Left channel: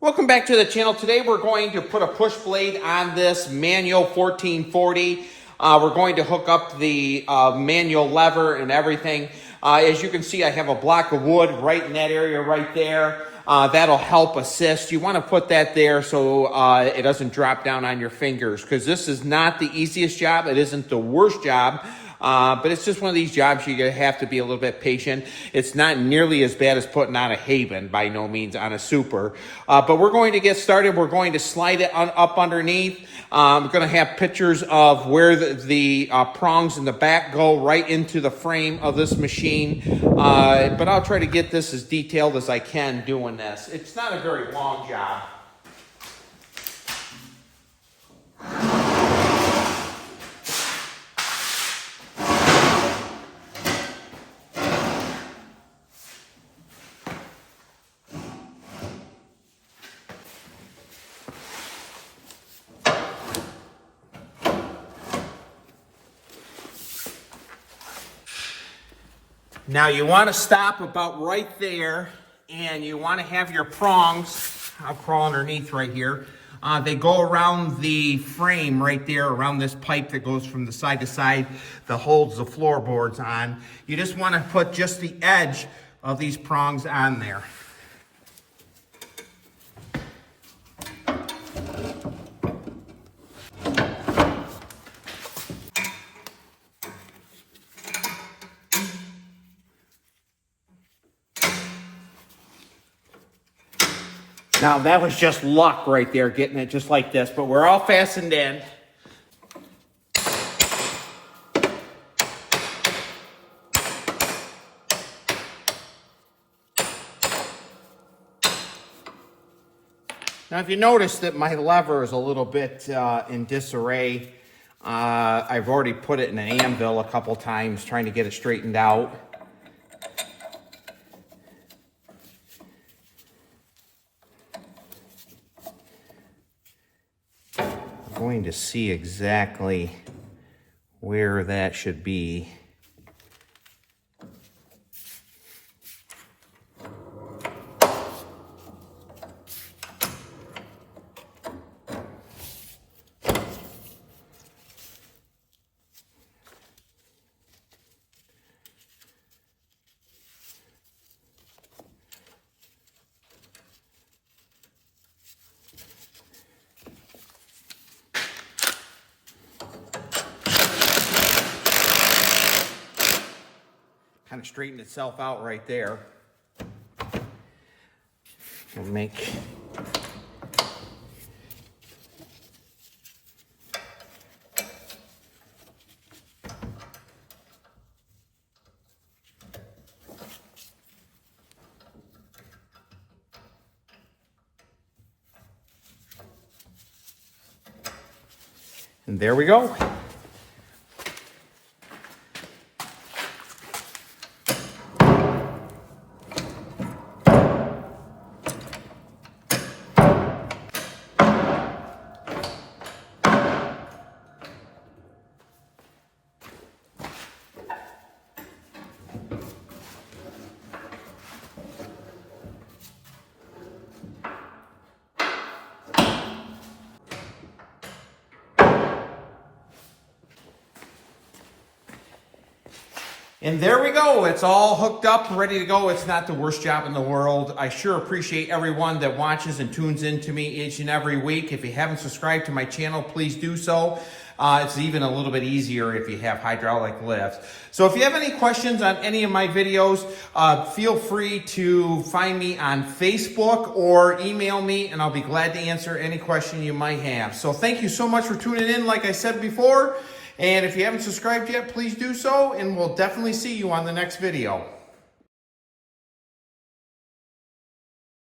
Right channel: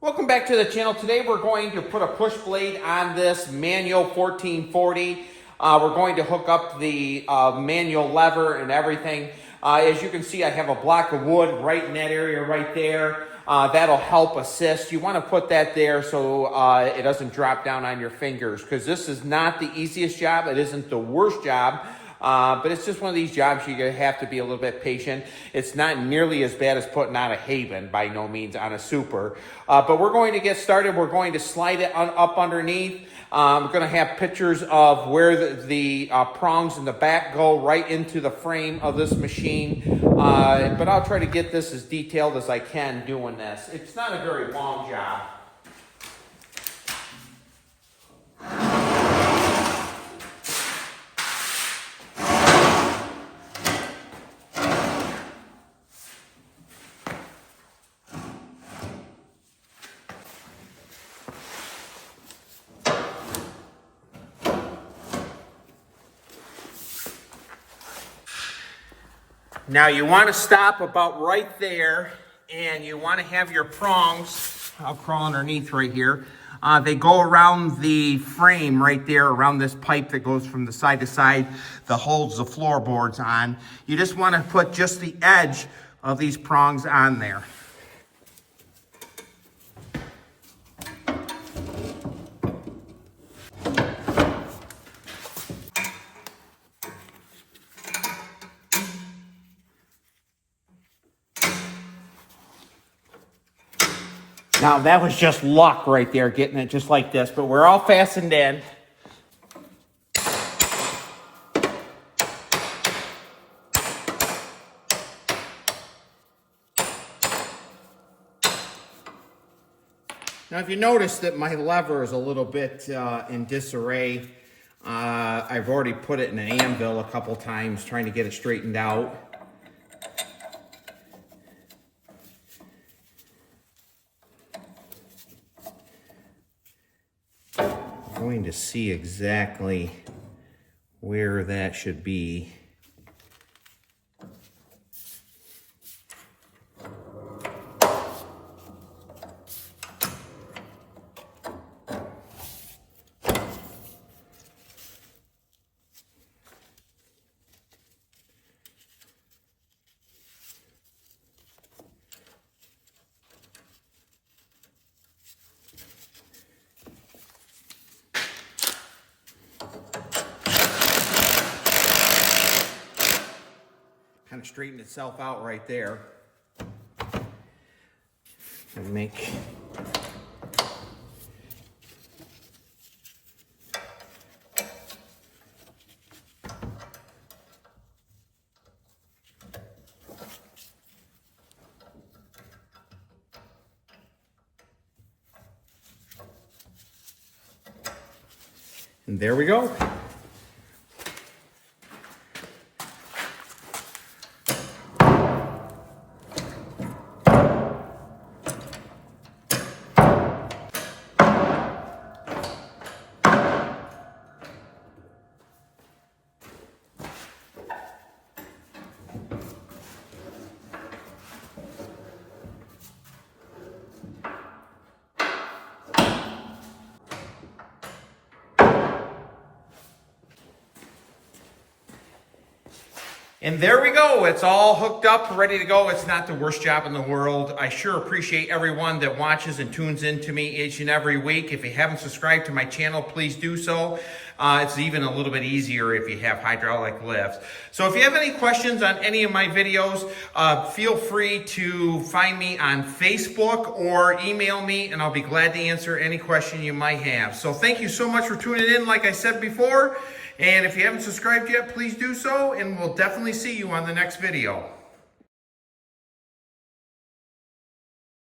Welcome back to the channel. Today we're going to put a push blade on this manual 1440. We're going to hook up the manual lever and everything. As you can see, I have a block of wood right in that area right there. That'll help assist. You want to put that there so it doesn't drop down on your fingers, because this is not the easiest job. It isn't the worst job. But it's just one of these jobs you have to be a little bit patient. It's not nearly as bad as putting on a Haven, by no means, on a Super. But we're going to get started. We're going to slide it up underneath. We're going to have pictures of where the prongs in the back go right into the frame of this machine. But I'll try to get this as detailed as I can doing this. It's not a very long job. Now you want to stop about right there, and you want to have your prongs, I'll crawl underneath right here, they go around the frame right there, around this pipe that goes from the side to side that holds the floorboards on. You just want to put just the edge of these prongs on there. Now that was just luck right there, getting it just like this, but we're all fastened in. Now if you notice that my lever is a little bit in disarray, I've already put it in an anvil a couple times trying to get it straightened out. Going to see exactly where that should be. Kind of straighten itself out right there. And make and there we go. And there we go. It's all hooked up, ready to go. It's not the worst job in the world. I sure appreciate everyone that watches and tunes in to me each and every week. If you haven't subscribed to my channel, please do so. It's even a little bit easier if you have hydraulic lifts. So if you have any questions on any of my videos, feel free to find me on Facebook or email me, and I'll be glad to answer any question you might have. So thank you so much for tuning in, like I said before. And if you haven't subscribed yet, please do so, and we'll definitely see you on the next video.